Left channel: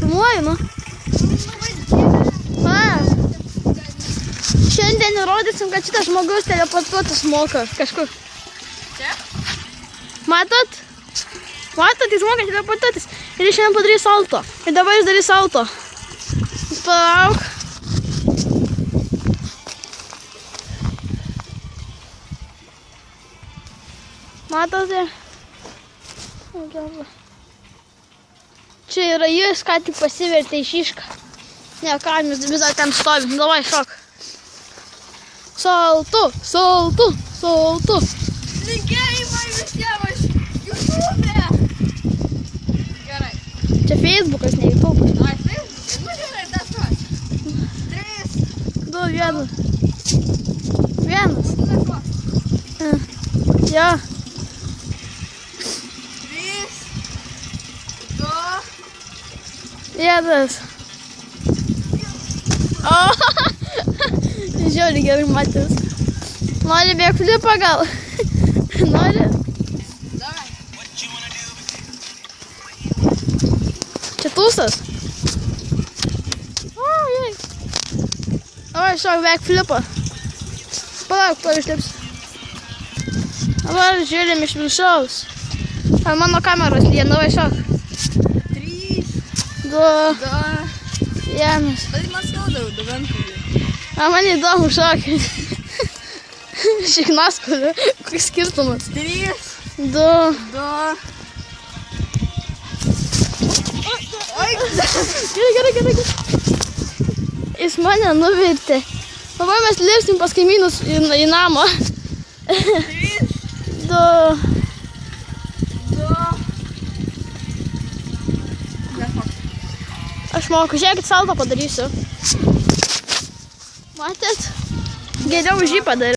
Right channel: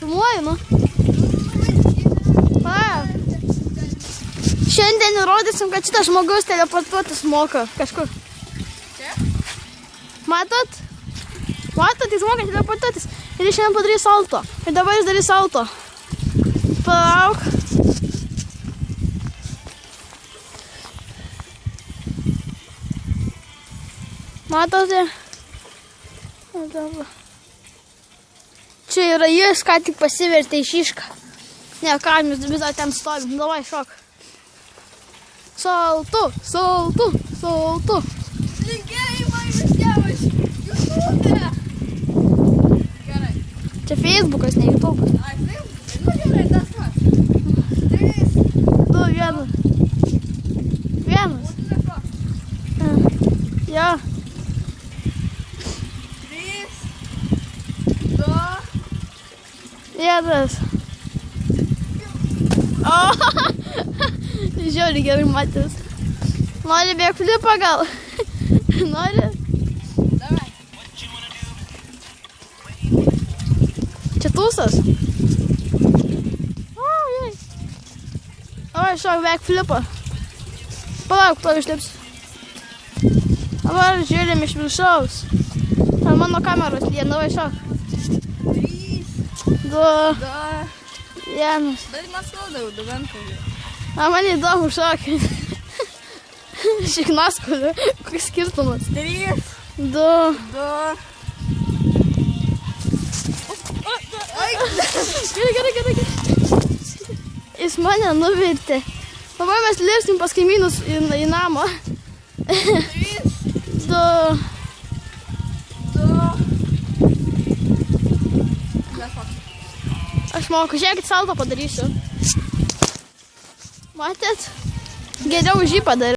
Filmuoju, nu. Šiandien įrodysim, kad šitas žmogus teleportuotis moka kažkur. Čia? Matot? Matot, jis moka teleportuotis. Ir jis šiandien padarys salto. Ir dabar jis darys salto. Palauk. Matote? Čia yra jis, ką tik pasivertė į šišką. Ne, kaimis vis dar ten stovi. Davai, šok. Saltu, saltu, saltu. Linkėjimai visiems. YouTube. Gerai. Čia Facebookas, ne YouTube. Ai, Facebookas. Nu, gerai, tas pats. 3. 2, 1. 1. Tas pats. Jo. 3. 2. 1. O, žiauriai gerai matys. Nori backflipą gal? Nori? Davai. Čia tūsas? O, jei. Davai, šok backflipą. Palauk, to išlips. Dabar žiūrim iš viršaus. Ar mano kameros lien, davai, šok. 3. 2, 2. 1. Bet man skauda jau 2 rankų. A, man įdomu šokį. Šiknaskoliu, koks skirtumas. 3. 2. 2. Gerai. Jis mane nuvirtė. Dabar mes lipsim pas kaimynus į namą. 3. 2. 2. Aš moku, žiūrėkit, salto padarysiu. Matėt? Geriau už jį padariau.